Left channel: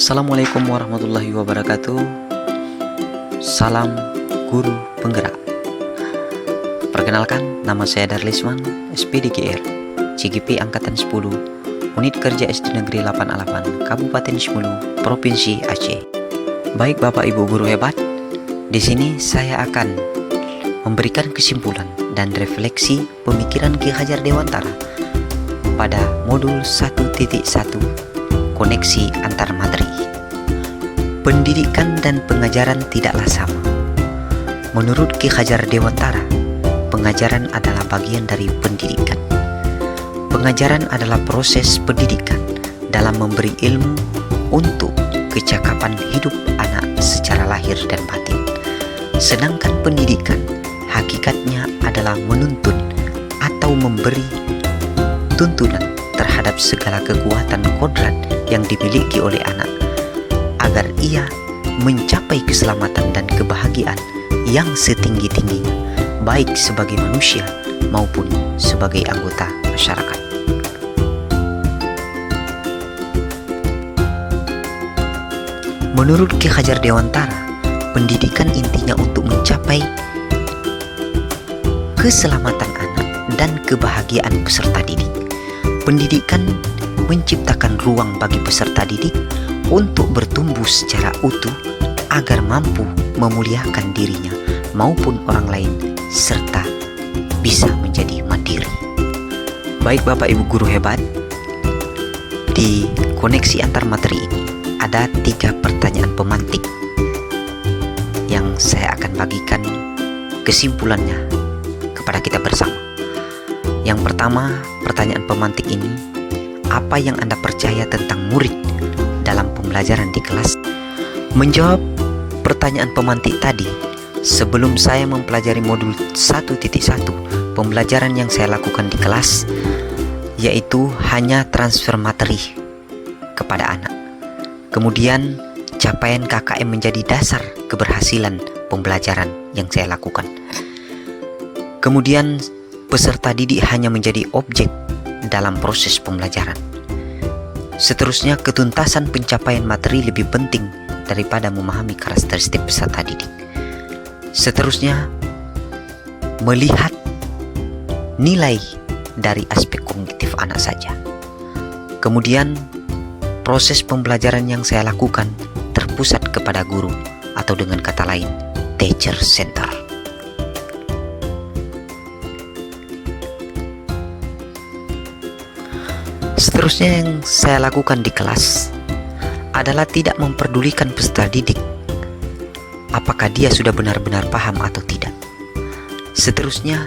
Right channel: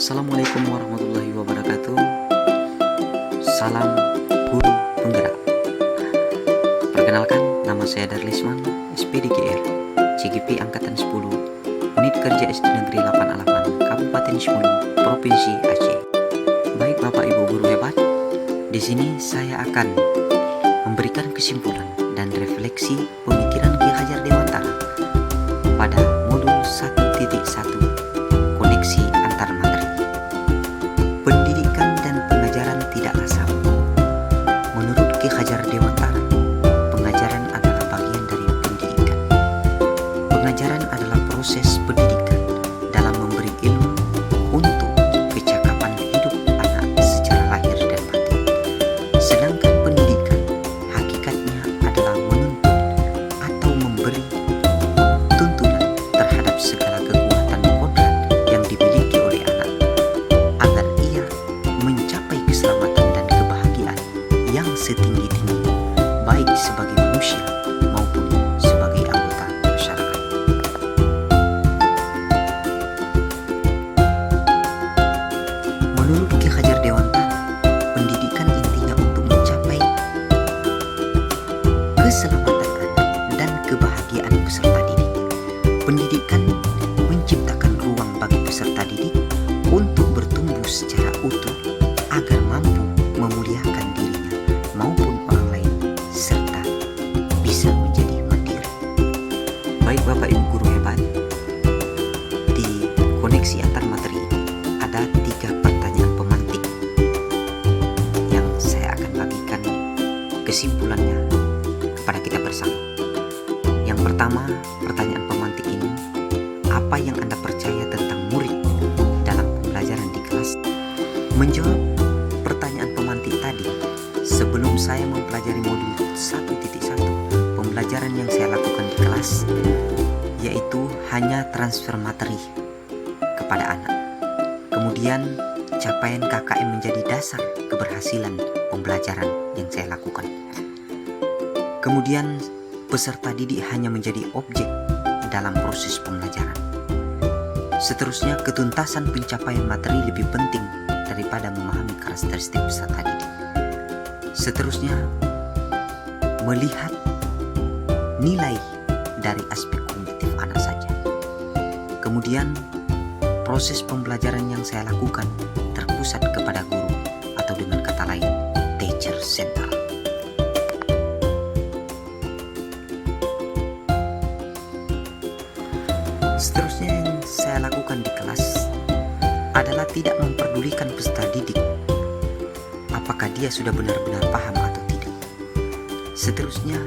Assalamualaikum warahmatullahi wabarakatuh. Salam guru penggerak. Perkenalkan, nama saya Darlisman, SPDGR, CGP Angkatan 10, Unit Kerja SD Negeri 88, Kabupaten Smulu, Provinsi Aceh. Baik Bapak Ibu guru hebat, di sini saya akan memberikan kesimpulan dan refleksi pemikiran Ki Hajar Dewantara pada modul 1.1 koneksi antar materi. Pendidikan dan pengajaran tidaklah sama. Menurut Ki Hajar Dewantara, pengajaran adalah bagian dari pendidikan. Pengajaran adalah proses pendidikan dalam memberi ilmu untuk kecakapan hidup anak secara lahir dan batin. Sedangkan pendidikan hakikatnya adalah menuntun atau memberi tuntunan terhadap segala kekuatan kodrat yang dimiliki oleh anak agar ia mencapai keselamatan dan kebahagiaan yang setinggi-tingginya, baik sebagai manusia maupun sebagai anggota masyarakat. Menurut Ki Hajar Dewantara, pendidikan intinya untuk mencapai keselamatan anak dan kebahagiaan peserta didik. Pendidikan menciptakan ruang bagi peserta didik untuk bertumbuh secara utuh agar mampu memuliakan dirinya maupun orang lain serta bisa menjadi mandiri. Baik Bapak Ibu guru hebat, di koneksi antar materi ini ada 3 pertanyaan pemantik yang saya akan bagikan kesimpulannya kepada kita bersama. Yang pertama, pertanyaan pemantik ini, apa yang Anda percaya tentang murid dalam pembelajaran di kelas? Menjawab pertanyaan pemantik tadi, sebelum saya mempelajari modul 1.1, pembelajaran yang saya lakukan di kelas yaitu hanya transfer materi kepada anak. Kemudian capaian KKM menjadi dasar keberhasilan pembelajaran yang saya lakukan. Kemudian peserta didik hanya menjadi objek dalam proses pembelajaran. Seterusnya, ketuntasan pencapaian materi lebih penting daripada memahami karakteristik peserta didik. Seterusnya, melihat nilai dari aspek kognitif anak saja. Kemudian, proses pembelajaran yang saya lakukan terpusat kepada guru atau dengan kata lain, teacher center. Seterusnya yang saya lakukan di kelas adalah tidak memperdulikan peserta didik apakah dia sudah benar-benar paham atau tidak. Seterusnya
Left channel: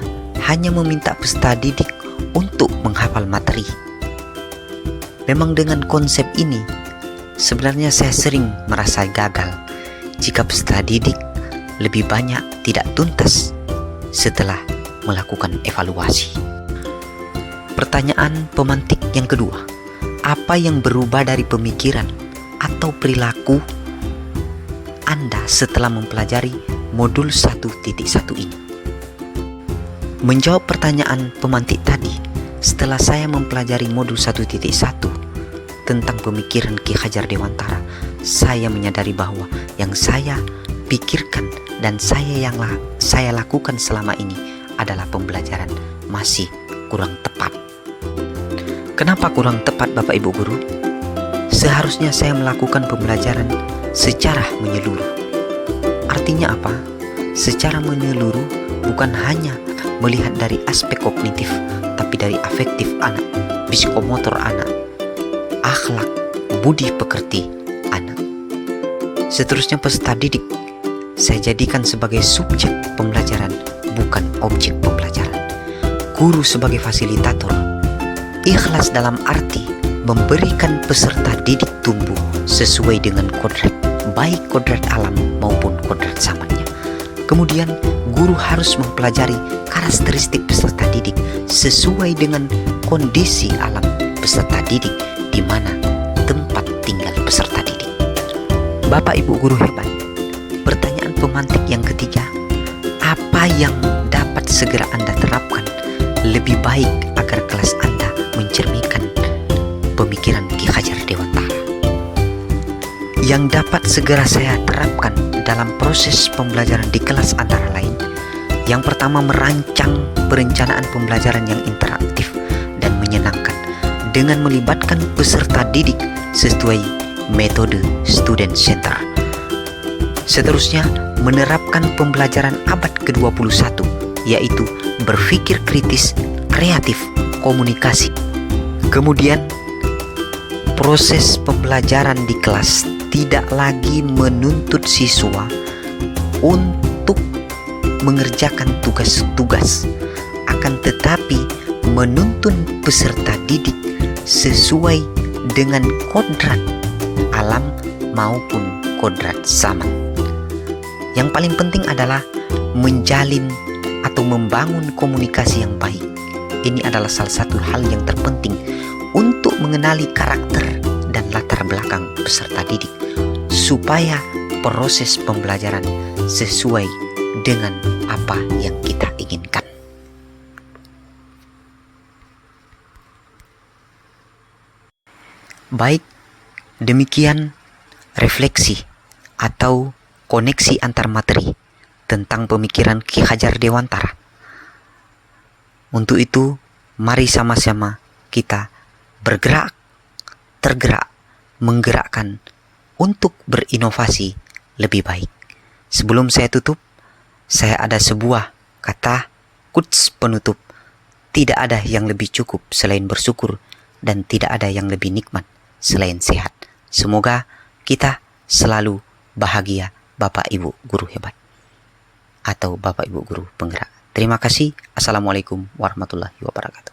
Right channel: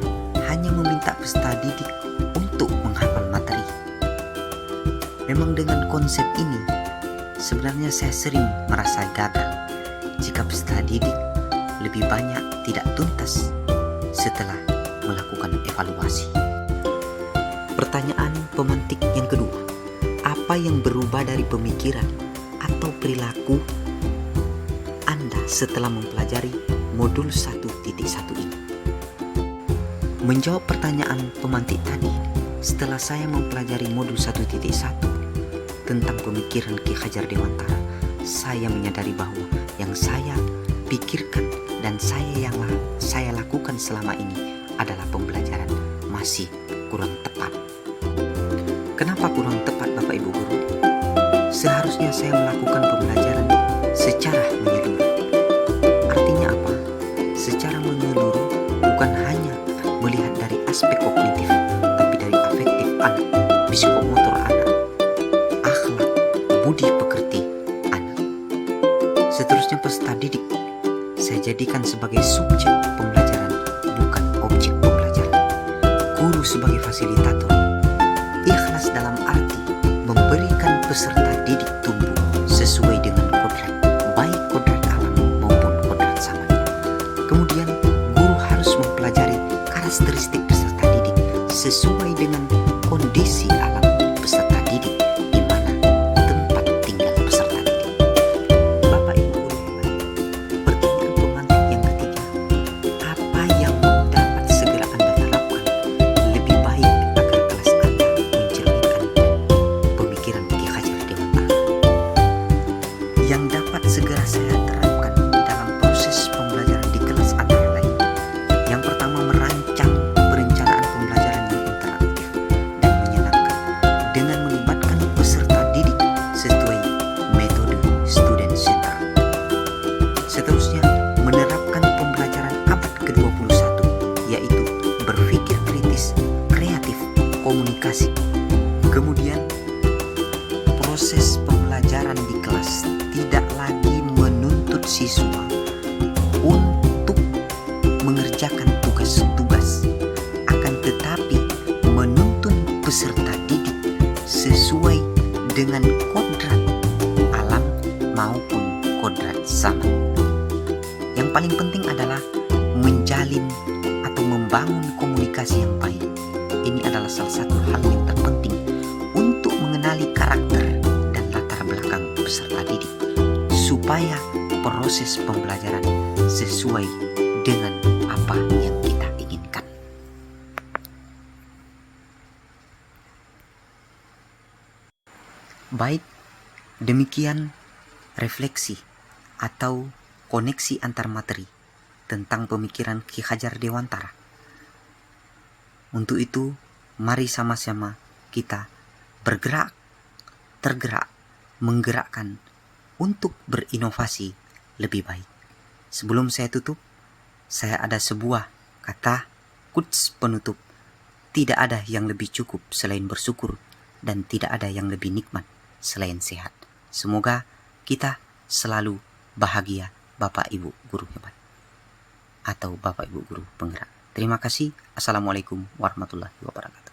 hanya meminta peserta didik untuk menghafal materi. Memang dengan konsep ini sebenarnya saya sering merasa gagal jika peserta didik lebih banyak tidak tuntas setelah melakukan evaluasi. Pertanyaan pemantik yang kedua, apa yang berubah dari pemikiran atau perilaku Anda setelah mempelajari modul 1.1 ini? Menjawab pertanyaan pemantik tadi, setelah saya mempelajari modul 1.1 tentang pemikiran Ki Hajar Dewantara, saya menyadari bahwa yang saya pikirkan dan saya lakukan selama ini adalah pembelajaran masih kurang tepat. Kenapa kurang tepat Bapak Ibu guru? Seharusnya saya melakukan pembelajaran secara menyeluruh. Artinya apa? Secara menyeluruh bukan hanya melihat dari aspek kognitif, tapi dari afektif anak, psikomotor anak, akhlak, budi pekerti anak. Seterusnya peserta didik saya jadikan sebagai subjek pembelajaran, bukan objek pembelajaran. Guru sebagai fasilitator, ikhlas dalam arti memberikan peserta didik tumbuh sesuai dengan kodrat, baik kodrat alam maupun kodrat zamannya. Kemudian guru harus mempelajari karakteristik peserta didik sesuai dengan kondisi alam peserta didik di mana tempat tinggal peserta didik. Bapak Ibu guru hebat, pertanyaan pemantik yang ketiga, apa yang dapat segera Anda terapkan lebih baik agar kelas Anda mencerminkan pemikiran Ki Hajar Dewantara? yang dapat segera saya terapkan dalam proses pembelajaran di kelas antara lain. Yang pertama, merancang perencanaan pembelajaran yang interaktif dan menyenangkan dengan melibatkan peserta didik sesuai metode student center. Seterusnya, menerapkan pembelajaran abad ke-21, yaitu berpikir kritis, kreatif, komunikasi. Kemudian, proses pembelajaran di kelas tidak lagi menuntut siswa untuk mengerjakan tugas-tugas, akan tetapi menuntun peserta didik sesuai dengan kodrat alam maupun kodrat zaman. Yang paling penting adalah menjalin atau membangun komunikasi yang baik. Ini adalah salah satu hal yang terpenting untuk mengenali karakter dan latar belakang peserta didik supaya proses pembelajaran sesuai dengan apa yang kita inginkan. Baik, demikian refleksi atau koneksi antar materi tentang pemikiran Ki Hajar Dewantara. Untuk itu, mari sama-sama kita tergerak, menggerakkan untuk berinovasi lebih baik. Sebelum saya tutup, saya ada sebuah kata quotes penutup. Tidak ada yang lebih cukup selain bersyukur, dan tidak ada yang lebih nikmat selain sehat. Semoga kita selalu bahagia, Bapak Ibu Guru hebat atau Bapak Ibu Guru penggerak. Terima kasih. Assalamualaikum warahmatullahi wabarakatuh.